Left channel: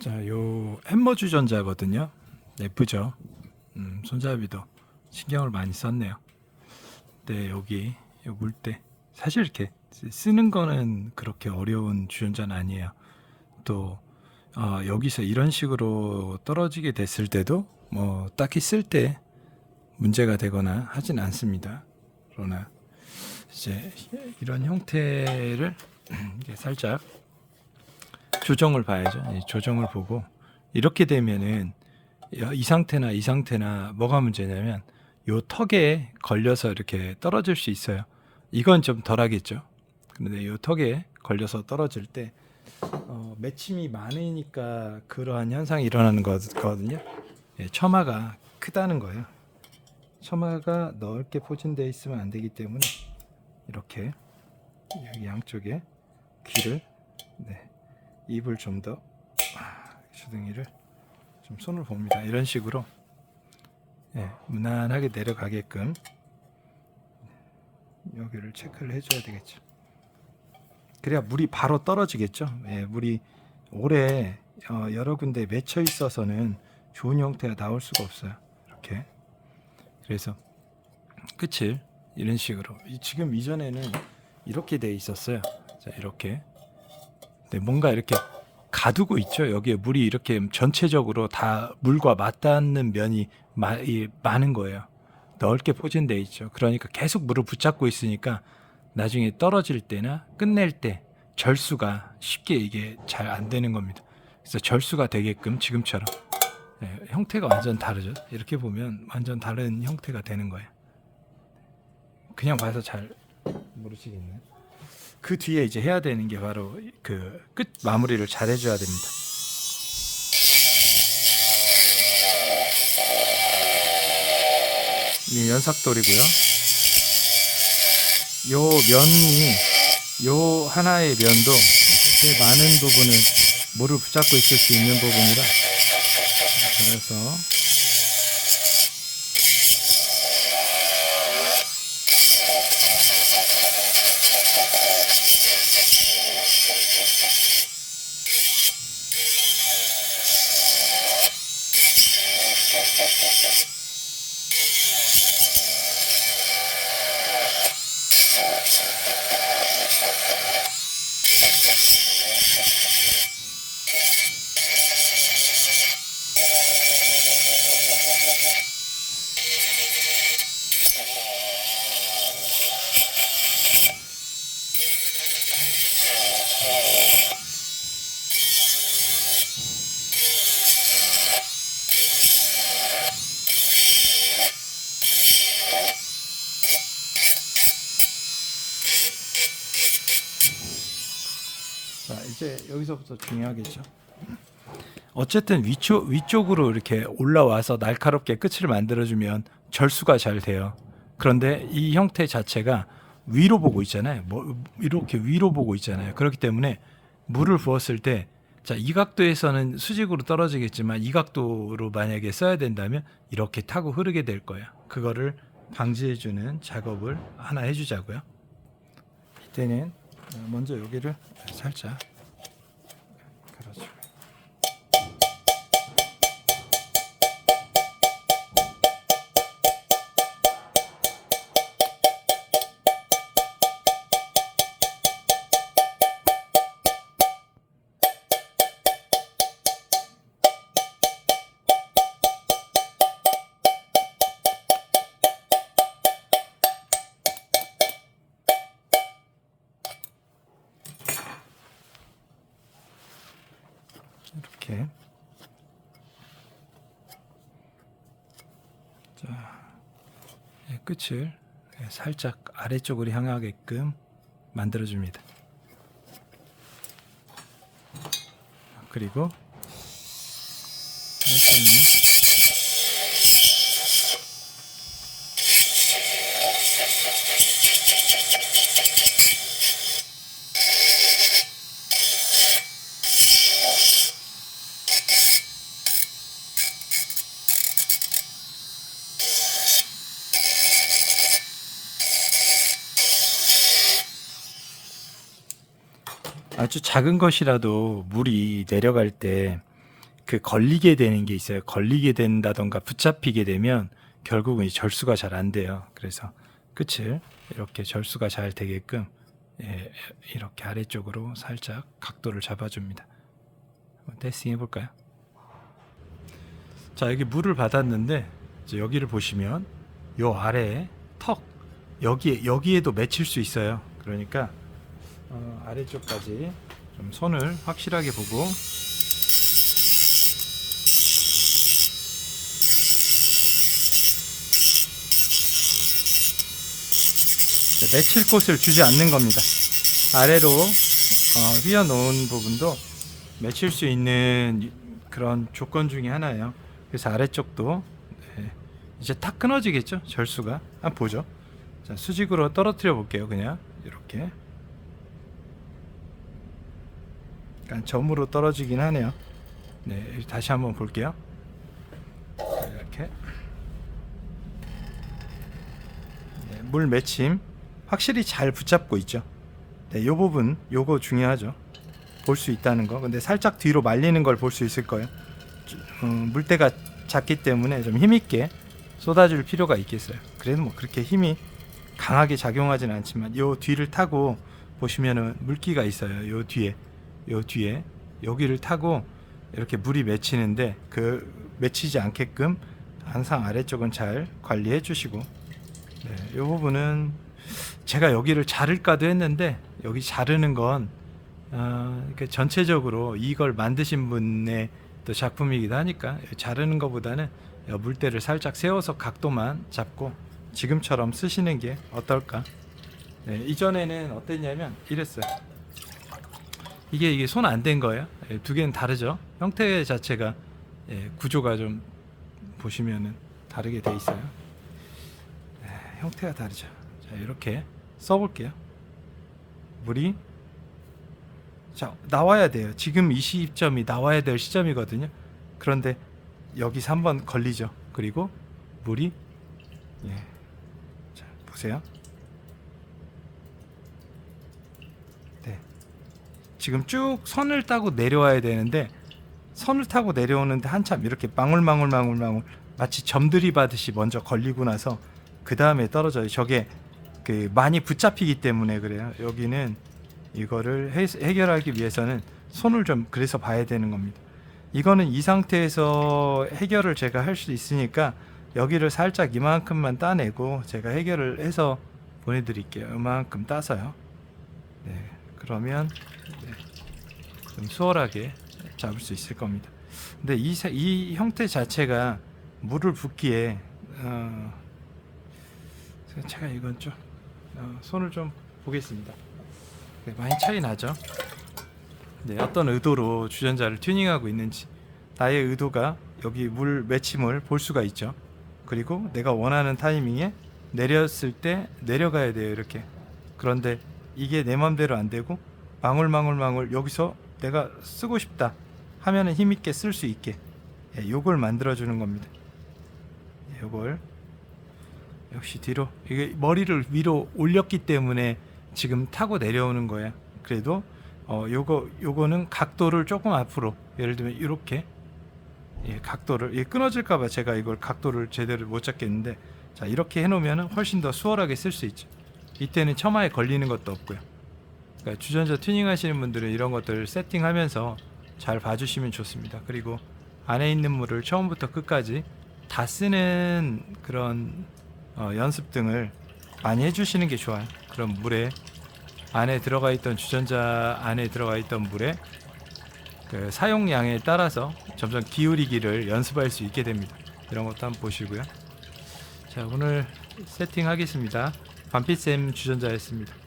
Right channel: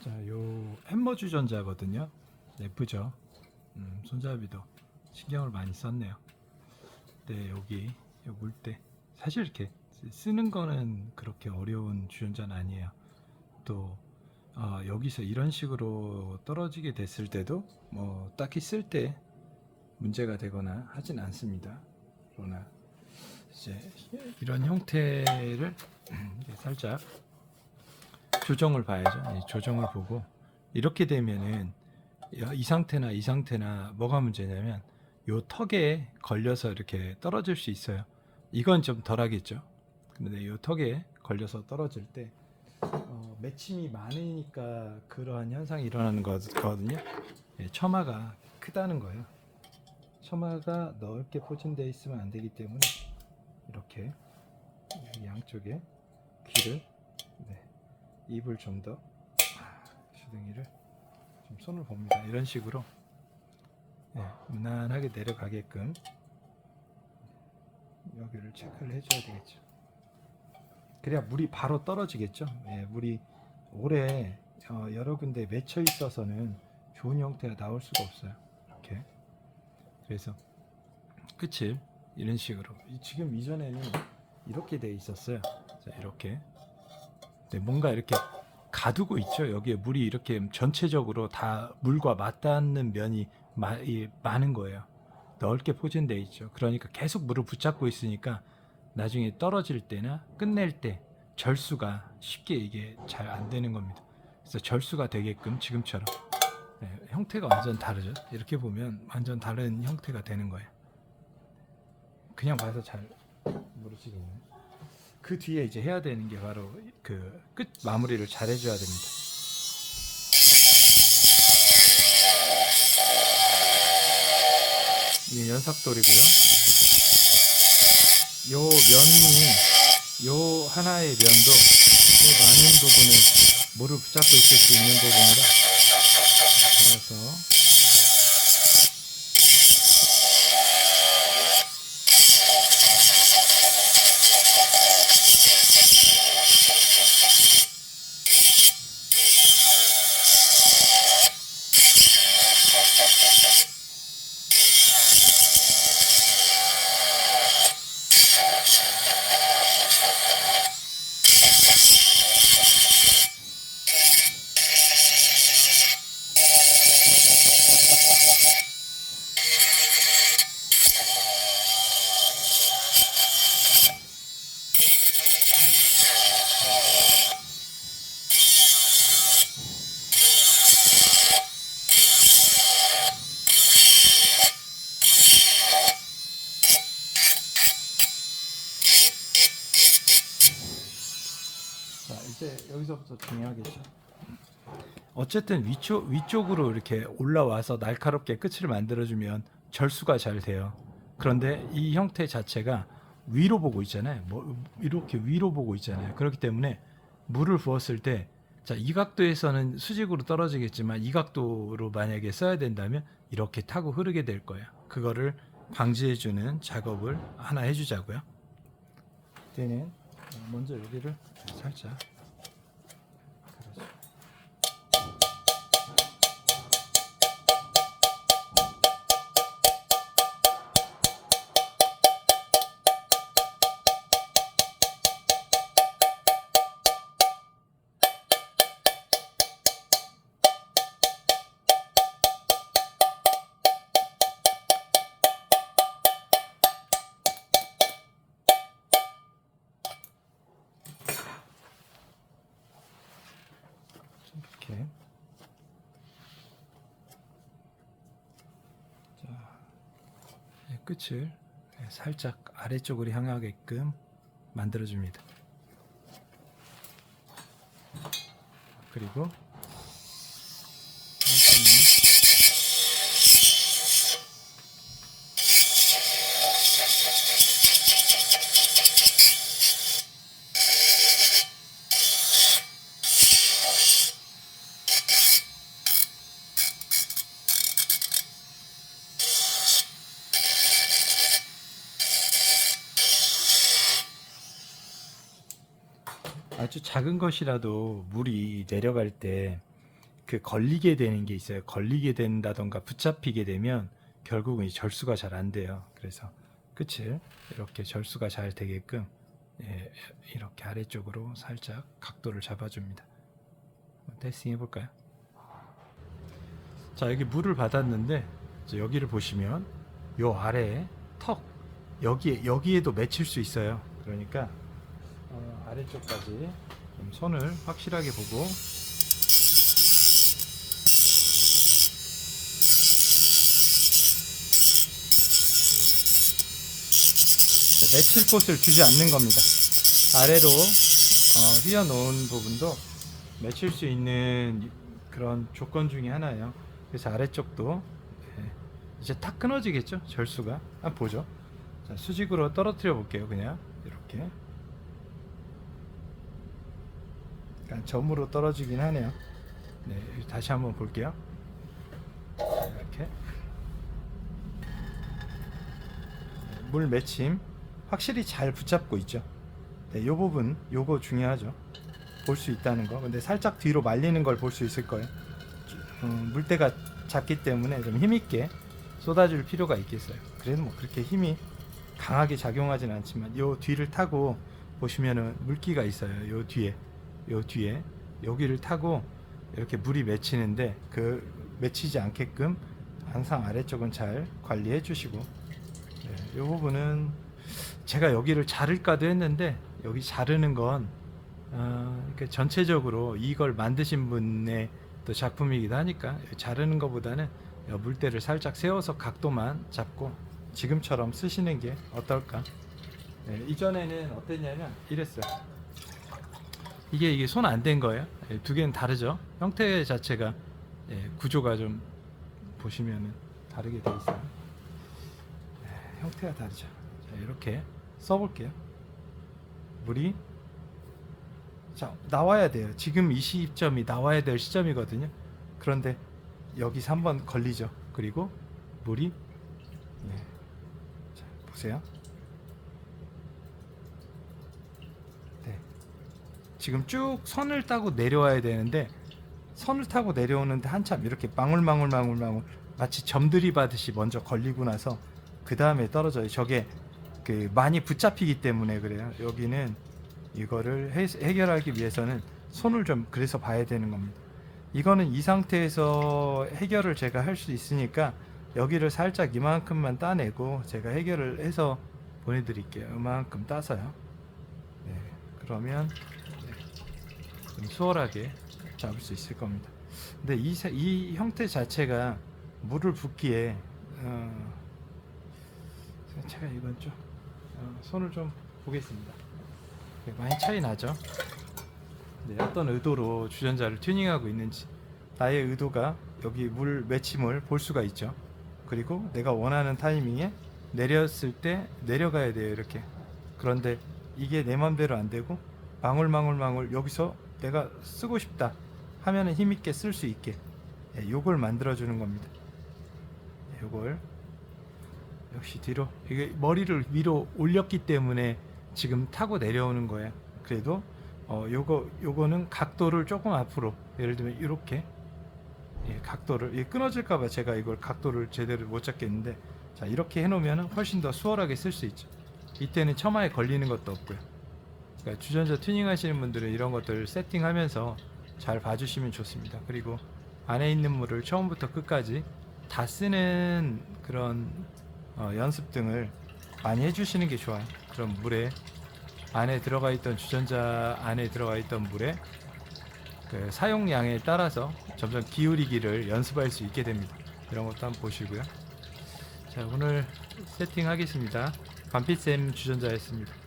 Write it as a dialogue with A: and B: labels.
A: 자, 요 햄머 주전자거든요. 예쁘죠? 음, 손잡이도 신경을 많이 썼네요. 네, 여기 요 물때 사실 이렇게 쓰는 거는 그렇게 어려운 주전자는 아니에요. 또 어, 여기서 이런 식으로 떨어지게 됐을 때도 뭐 딱히 쓸 때 문제가 되거나 하진 않습니다. 그러나 이제 이런 형태를 살짝 조정을 봐야죠. 이 조정을 보고 이렇게 되면은 이 상태나 이 상태나 뭐가 문제냐면 요 턱에 걸려서 이렇게 떨어질 수 있어요. 이건 좀 덜하겠죠. 근데 요 턱에 걸려서 떨어질 때 어, 매침이 많으니까 그러한 현상이 일어나는 거거든요. 예, 처마가 크다는 거예요. 처마가 넓게 포진되어 있으면 안 되기 때문에 이렇게 양쪽에 귀를 네, 입을 좀 더 주둥이를 좀 손을 봅니다. 이런 식으로 예, 무난하게 내려가게끔 여기를 체크를 해줘야 되겠죠. 그래야 물이 바로 떨어지겠죠. 예, 물이 오래 어, 여러 군데 맺혀 있어서는 좋은 형태가 나올 수가 없어요. 이렇게 그래서 끝을 이런 식으로 이- 지금 이전에는 이렇게 돼 있었어요. 자, 이렇게 네, 뭔가 이렇게 가두고 있죠. 여기에 물이 이렇게 전체적으로 다 물과 맞닿는 면이 마, 이, 많은 거예요. 넓게 포진돼 있죠. 그러니까 계속 물을 붙잡고 있으니까 나중에 떨어질 때나 끝낼 때 절수가 쉽게 이게 잘 안 되는 겁니다. 그래서 절수가 되게끔 지금처럼 네, 형태가 완전 다르죠. 이렇게 보면 완전 다른 형태가 되는 거예요. 그냥 봐서 잘 모르시겠네. 그 뒤에 이제 해야 되는 게 바로 그 끝 마무리를 잘 해줘야 됩니다. 이 연삭돌이고요. 요 면이 요 하나의 면도 꽤 많은 부분을 물을 붙잡고 있을 수 있는 부분이라 그래서 여기서부터 중요하겠죠. 어쨌든 위쪽 위쪽으로 이렇게 올라와서 날카롭게 끝을 만들어주면 절수가 잘 돼요. 그런데 이 형태 자체가 위로 보고 있잖아요. 뭐 이렇게 위로 보고 있잖아요. 그렇기 때문에 물을 부었을 때, 자, 이 각도에서는 수직으로 떨어지겠지만 이 각도로 만약에 써야 된다면 이렇게 타고 흐르게 될 거예요. 그거를 방지해주는 작업을 하나 해주자고요. 이때는 먼저 여기를 살짝 이렇게 자이 끝을 살짝 아래쪽으로 향하게끔 만들어줍니다. 그리고 아주 작은 것이라도 물이 내려갈 때 그 걸리게 되는 게 있어요. 걸리게 된다던가 붙잡히게 되면 결국은 이 절수가 잘 안 돼요. 그래서 끝을 이렇게 절수가 잘 되게끔 예, 이렇게 아래쪽으로 살짝 각도를 잡아줍니다. 테스팅 해볼까요? 자 여기 물을 받았는데 여기를 보시면 요 아래에 턱 여기에 여기에도 맺힐 수 있어요. 그러니까 어, 아래쪽까지 좀 손을 확실하게 보고 네, 맺힐 곳을 주지 않는 겁니다. 아래로 어, 휘어 놓은 부분도 맺힐 수 있는 그런 조건 중에 하나예요. 그래서 아래쪽도 네, 이제 탁 끊어지겠죠 절수가 한번 보죠. 자, 수직으로 떨어뜨려 볼게요. 그냥 이렇게 약간 점으로 떨어지긴 하네요. 네, 다시 한번 볼게요. 이렇게 네, 물 맺힘 확실히 잘 붙잡고 있죠. 네, 요 부분 요거 중요하죠. 볼 수 있다는 거. 근데 살짝 뒤로 말리는 걸 볼 수 있을 거예요. 음, 물때가 작기 때문에 좀 힘있게 쏟아줄 필요가 있겠어요. 그래도 뭐 그렇게 힘이 강하게 작용하진 않지만 요 뒤를 타고 보시면은 물기가 있어요. 요 뒤에 요 뒤에 여기를 타고 이렇게 물이 맺히는데 그 맺히지 않게끔 항상 아래쪽은 잘 관리해 주시고 네, 이 부분은 제가 여기를 자를까도 했는데 여기 자르는 건 어, 이렇게 전체적으로 이걸 만드신 분의 또 작품이기도 하니까 자르는 것보다는 요 물대를 살짝 세워서 각도만 잡고 지금처럼 쓰시는 게 어떨까? 네, 이전에는 어땠냐면 이랬어요. 이게 이게 손 안 댄 거예요. 예, 두 개는 다르죠. 형태 자체가 예, 구조가 좀 보시면은 다르게 돼 있어요. 예, 형태가 다르죠. 자, 이렇게 써볼게요. 물이 자 나와야 돼요. 지금 이 시점이 나와야 될 시점이거든요. 그런데 여기서 한번 걸리죠. 그리고 물이 예. 자 보세요. 네. 지금 쭉 선을 따고 내려와야 되는데 선을 타고 내려오는데 한참 이렇게 망울망울망울망울 마치 점들이 받듯이 먼저 걸리고 나서 그 다음에 떨어져요. 저게 그 많이 붙잡히기 때문에 그래요. 여기는 이거를 해, 해결하기 위해서는 손을 좀 그래서 봐야 되는 겁니다. 이거는 이 상태에서 해결을 제가 할 수 있으니까 여기를 살짝 이만큼만 따내고 제가 해결을 해서 보내드릴게요. 이만큼 따서요. 네, 그러면 네, 좀 수월하게 잡을 수 있을 겁니다. 근데 이, 세- 이 형태 자체가 물을 붓기에 어, 제가 이건 좀 어, 손을 좀 보겠습니다. 네, 많이 차이 나죠. 네, 어떤 의도로 주전자를 튜닝하고 있는지 나의 의도가 여기 물 맺힘을 볼 수가 있죠. 그리고 내가 원하는 타이밍에 내렸을 때 내려가야 돼요 이렇게. 그런데 이게 내 맘대로 안 되고 망울망울망울 여기서 내가 쓰고 싶다 하면은 힘 있게 쓸 수 있게 예, 요걸 만들어 주는 겁니다. 예, 요걸 역시 뒤로 이게 머리를 위로 올렸기 때문에 지금 타고 내려오는 거예요. 그래도 어 요거 요거는 각도를 조금 앞으로 예를 들면 이렇게 예, 각도를 이 끊어질까봐 제가 이걸 각도를 제대로 못 잡겠는데 자 이렇게 해놓으면 훨씬 더 수월하게 쓸 수 있죠. 이때는 처마에 걸리는 것도 없고요. 그러니까 주전자 튜닝 하시는 분들은 이런 것들 세팅하면서 잘 봐주시면 좋습니다. 그리고 안에 있는 물을 처음부터 끝까지 다 쓰는 그런 어, 연습 등을 많이 해주시는 게 좋아요. 그럼 물에 안에 들어가 있던 주전자 안에 들어가 있던 물에 그 사용량에 따라서 점점 기울이기를 연습할 수 있게 됩니다. 이런 것도 한번 보시고요. 자 오늘 세팅하겠습니다. 반피쌤 주전자였습니다.